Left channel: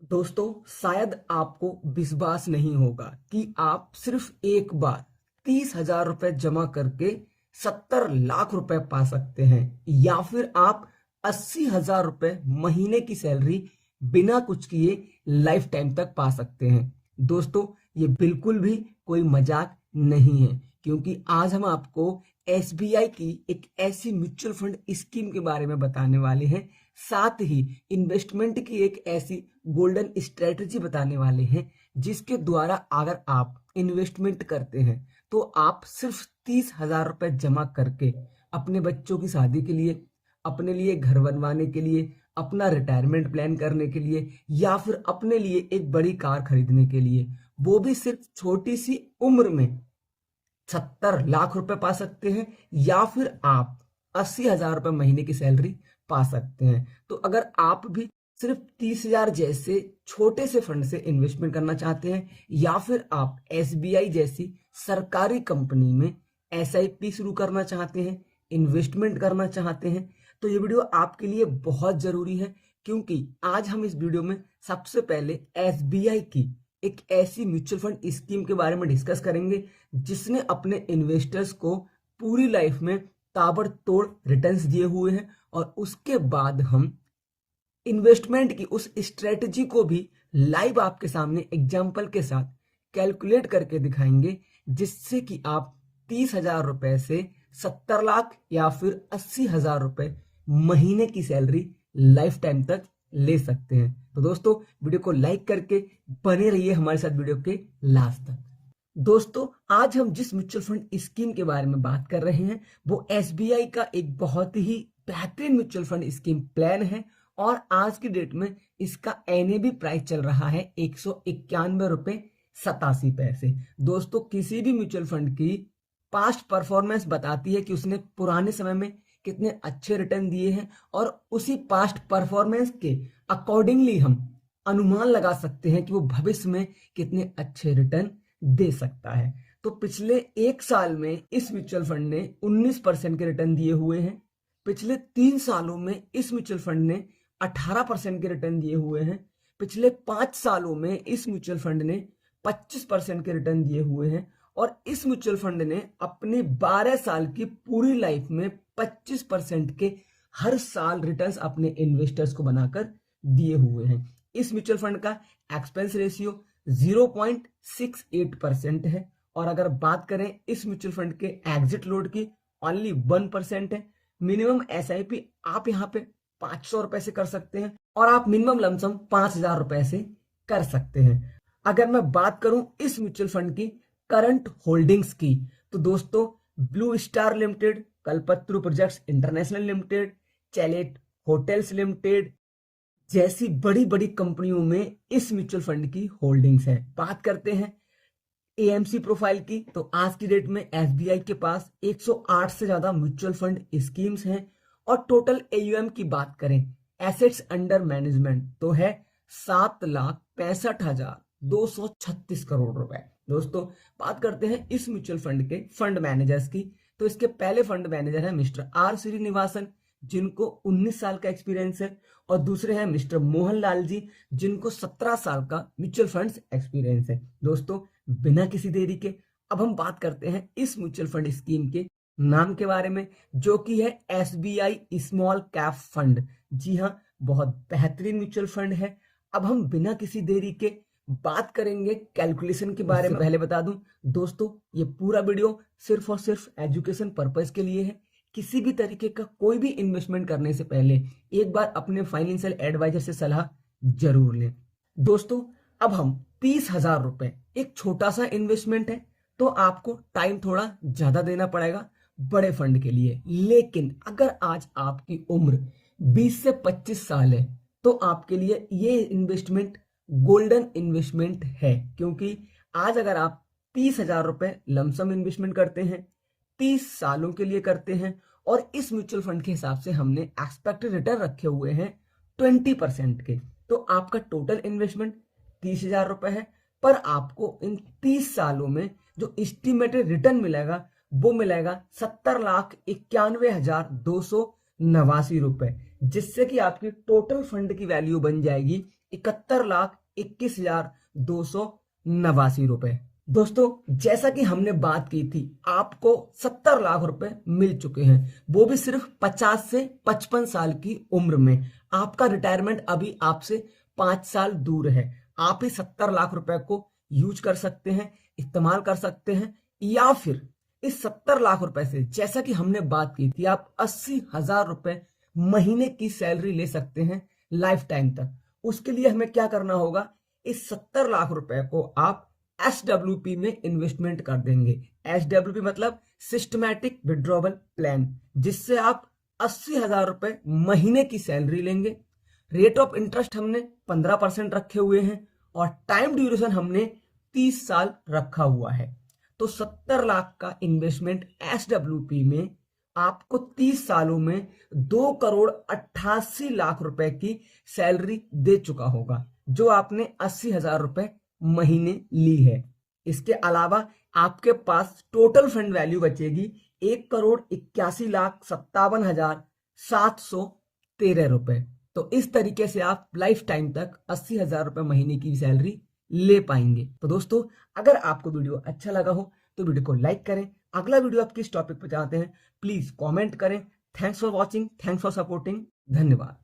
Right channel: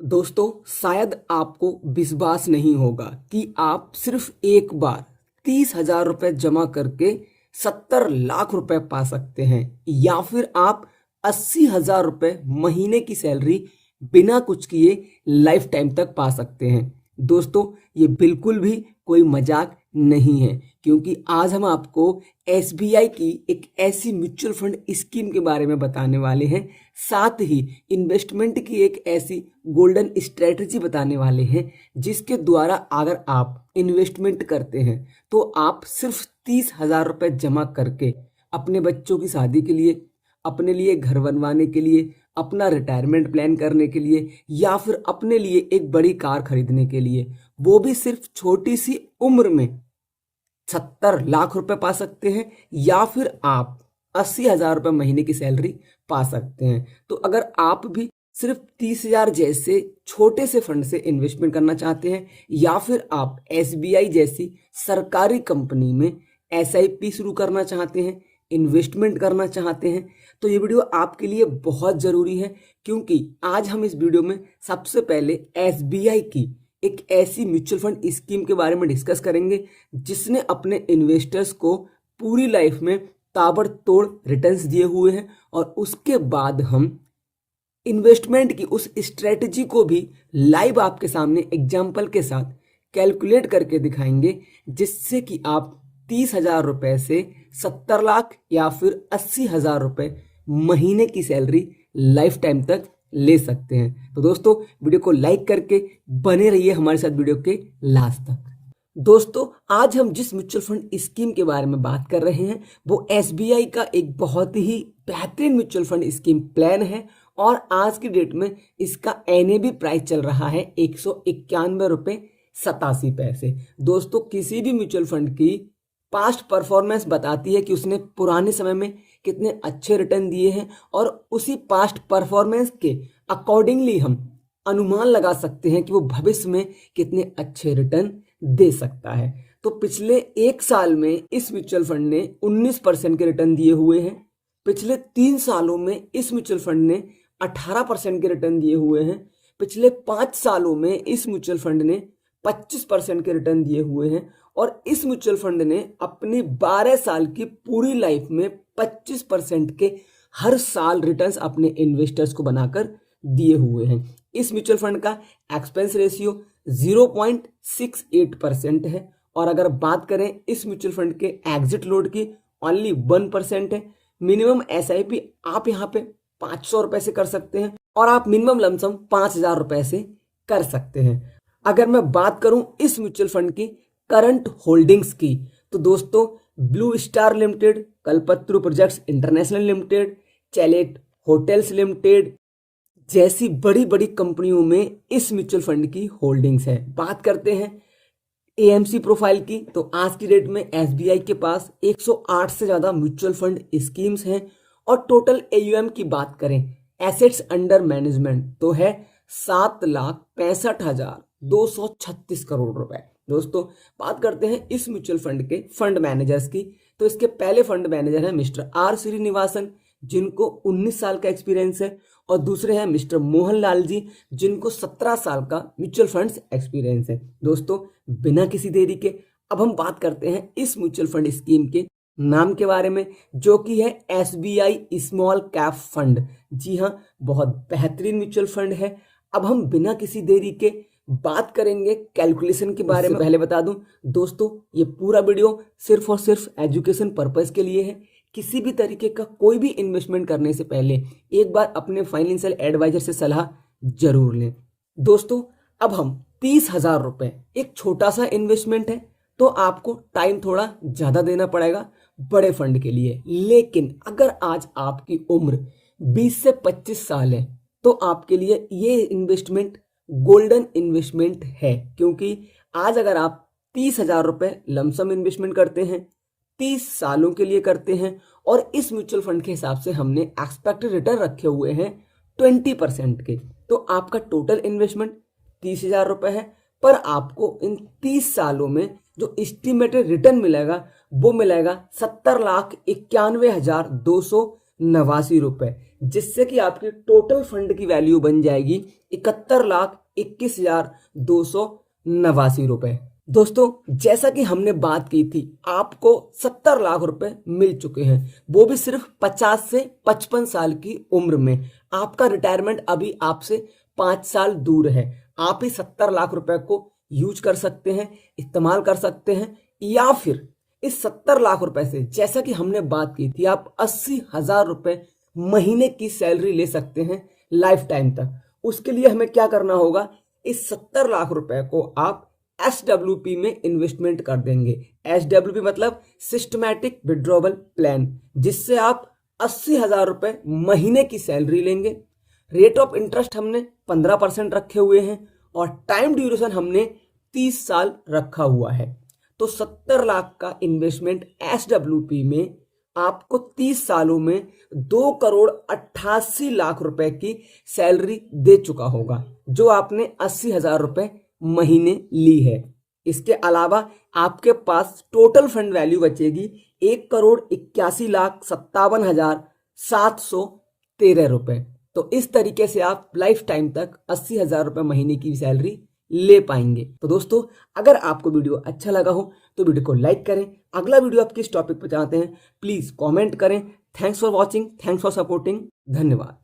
दोस्तों, शायद आपको विश्वास नहीं होगा कि आप सिर्फ एक बार 30,000 रुपये जमा करके 70 लाख रुपए पा सकते हैं, या फिर आप 80,000 रुपये महीने की सैलरी बिना कुछ किए लाइफ टाइम तक पा सकते हैं। दोस्तों, ये बिल्कुल भी कोई मजाक नहीं है, क्योंकि आज हम आपको एसबीआई की एक ऐसी म्यूचुअल फंड स्कीम के बारे में बताने वाले हैं, साथ ही इन्वेस्टमेंट की एक ऐसी गोल्डन स्ट्रेटजी बताने वाले हैं जिसके द्वारा अगर आप इन्वेस्टमेंट करते हैं तो आप सिर्फ 30,000 रुपये जमा करके अपने बच्चों की शादी के लिए, अपने लिए घर बनवाने के लिए, अपना रिटायरमेंट प्लान करने के लिए, या फिर अपने लिए एक बड़ी कार खरीदने के लिए, वो भी सिर्फ छोटी सी उम्र में 70 लाख रुपए पा सकते हैं, या फिर आप 80,000 रुपये महीने की सैलरी पा सकते हैं। तो अगर आप भी सिर्फ 30,000 जैसे छोटे से फंड से इन्वेस्टमेंट करना चाहते हैं, या फिर आप एसबीआई जैसी सरकारी कंपनी में एसआईपी शुरू करना चाहते हैं, इन्वेस्टमेंट करना चाहते हैं, तो ये वीडियो आपके लिए बहुत ज़रूरी है, क्योंकि आज हम इस वीडियो में सबसे पहले एसबीआई की एक ऐसी म्यूचुअल फंड स्कीम के बारे में डिस्कस करेंगे जिसने अपने इन्वेस्टर्स को पूरी लाइफ में ताबड़तोड़ रिटर्न्स दिए हुए हैं, और उसके बाद हम इन्वेस्टमेंट की उस स्ट्रेटजी को भी लाइव आपके सामने एग्जाम्पल के साथ कैलकुलेट करके दिखाएंगे, जिससे कि आप 30,000 रुपये से 70 लाख या फिर 80,000 रुपये महीने की सैलरी लाइफ टाइम तक ले सकते हैं। तो दोस्तों, वीडियो को लाइक करके बने रहिए हमारे साथ वीडियो के लास्ट तक। दोस्तों, आज हम जिस म्यूचुअल फंड स्कीम के बारे में बात कर रहे हैं वो एसबीआई का एक बहुत ही बेहतरीन म्यूचुअल फंड स्कीम प्लान है, और आज की डेट में इसका एनएबी प्राइस चल रहा है 191 रुपये 87 पैसे। दोस्तों, किसी भी म्यूचुअल फंड की पास्ट परफॉर्मेंस बताती है कि उसने पुराने समय में कितने अच्छे रिटर्न दिए हैं, और उसी पास्ट परफॉर्मेंस के अकॉर्डिंगली हम अनुमान लगा सकते हैं कि वो भविष्य में कितने अच्छे रिटर्न दे सकता है। तो पिछले एक साल में इस म्यूचुअल फंड ने 19% के रिटर्न दिए हुए हैं। पिछले 3 सालों में इस म्यूचुअल फंड ने 18% के रिटर्न दिए हुए हैं। पिछले 5 सालों में इस म्यूचुअल फंड ने 25% के रिटर्न दिए हुए हैं, और इस म्यूचुअल फंड ने अपनी 12 साल की पूरी लाइफ में 25% के हर साल रिटर्न्स अपने इन्वेस्टर्स को बनाकर दिए हुए हैं। इस म्यूचुअल फंड का एक्सपेंस रेशियो 0.68% है, और अगर बात करें इस म्यूचुअल फंड के एग्जिट लोड की, ओनली 1% है। मिनिमम एसआईपी आप यहाँ पे 500 रुपए से कर सकते हैं, और आप मिनिमम लमसम 5,000 रुपए से कर सकते हैं। अगर मैं बात करूं इस म्यूचुअल फंड की करंट होल्डिंग्स की, तो दोस्तों Blue Star Limited, Kalpataru Projects International Limited, Chalet Hotels Limited जैसी बड़ी बड़ी कंपनियों में इस म्यूचुअल फंड की होल्डिंग्स है। बात करते हैं एएमसी प्रोफाइल की, तो आज की डेट में एसबीआई के पास 108 से ज्यादा म्यूचुअल फंड स्कीम्स हैं, और टोटल एयूएम की बात करें, एसेट्स अंडर मैनेजमेंट, तो है 7,65,236 करोड़ रुपए। दोस्तों, बात करते हैं इस म्यूचुअल फंड के फंड मैनेजर्स की, तो इसके पहले फंड मैनेजर है मिस्टर आर श्रीनिवासन, जिनको 19 साल का एक्सपीरियंस है, और दूसरे हैं मिस्टर मोहनलाल जी, जिनको 17 साल का म्यूचुअल फंड्स एक्सपीरियंस है। दोस्तों, बिना किसी देरी के अब हम बात करते हैं इस म्यूचुअल फंड स्कीम के नाम के बारे में, जो कि है एसबीआई स्मॉल कैप फंड। जी हाँ, बहुत बेहतरीन म्यूचुअल फंड है। अब हम बिना किसी देरी के बात करेंगे कैलकुलेशन के बारे में। पहले बता दूं दोस्तों, ये पूरा वीडियो सिर्फ और सिर्फ एजुकेशन पर्पस के लिए है। किसी भी तरीके का कोई भी इन्वेस्टमेंट करने से पहले एक बार अपने फाइनेंशियल एडवाइजर से सलाह जरूर लें। दोस्तों, अब हम 30,000 रुपये, एक छोटा सा इन्वेस्टमेंट है, तो आपको टाइम थोड़ा ज्यादा देना पड़ेगा बड़े फंड के लिए। लेकिन अगर आज आपकी उम्र 20 से 25 साल है, तो आपके लिए ये इन्वेस्टमेंट गोल्डन इन्वेस्टमेंट है, क्योंकि आज अगर आप 30,000 रुपये लमसम इन्वेस्टमेंट करते हैं, 30 सालों के लिए करते हैं, और इस म्यूचुअल फंड के हिसाब से हमने एक्सपेक्टेड रिटर्न रखे हुए हैं 20% के, तो आपका टोटल इन्वेस्टमेंट 30,000 रुपये है, पर आपको इन 30 सालों में जो एस्टिमेटेड रिटर्न मिलेगा वो मिलेगा 70,91,289 रुपये, जिससे कि आपकी टोटल फंड की वैल्यू बन जाएगी 71,21,289 रुपए। दोस्तों जैसा कि हमने बात की थी, आपको 70 लाख रुपए मिल चुके हैं, वो भी सिर्फ 50 से 55 साल की उम्र में। आपका रिटायरमेंट अभी आपसे 5 साल दूर है। आप ही 70 लाख रुपए को यूज कर सकते हैं, इस्तेमाल कर सकते हैं, या फिर इस 70 लाख रुपए से, जैसा कि हमने बात की थी, आप 80,000 रुपए महीने की सैलरी ले सकते हैं लाइफ टाइम तक। उसके लिए हमें क्या करना होगा, इस 70 लाख रुपए को आप SWP में इन्वेस्टमेंट कर देंगे। SWP मतलब सिस्टमैटिक विड्रॉवल प्लान, जिससे आप 80,000 रुपए महीने की सैलरी लेंगे। रेट ऑफ इंटरेस्ट हमने 15% रखे हुए हैं और टाइम ड्यूरेशन हमने 30 साल रखा हुआ है। तो 70 लाख का इन्वेस्टमेंट SWP में आपको 30 सालों में 2,88,00,000 रुपए की सैलरी दे चुका होगा, जो आपने 80,000 रुपए महीने ली है। इसके अलावा आपके पास टोटल फंड वैल्यू बचेगी 1,81,57,713 रुपए। तो इस तरीके से आप लाइफ टाइम तक 80,000 रुपए महीने की सैलरी ले पाएंगे। तो दोस्तों अगर आपको वीडियो अच्छा लगा हो तो वीडियो को लाइक करें। अगला वीडियो आप किस टॉपिक पर चाहते हैं प्लीज कमेंट करें। Thanks for watching, thanks for supporting, धन्यवाद।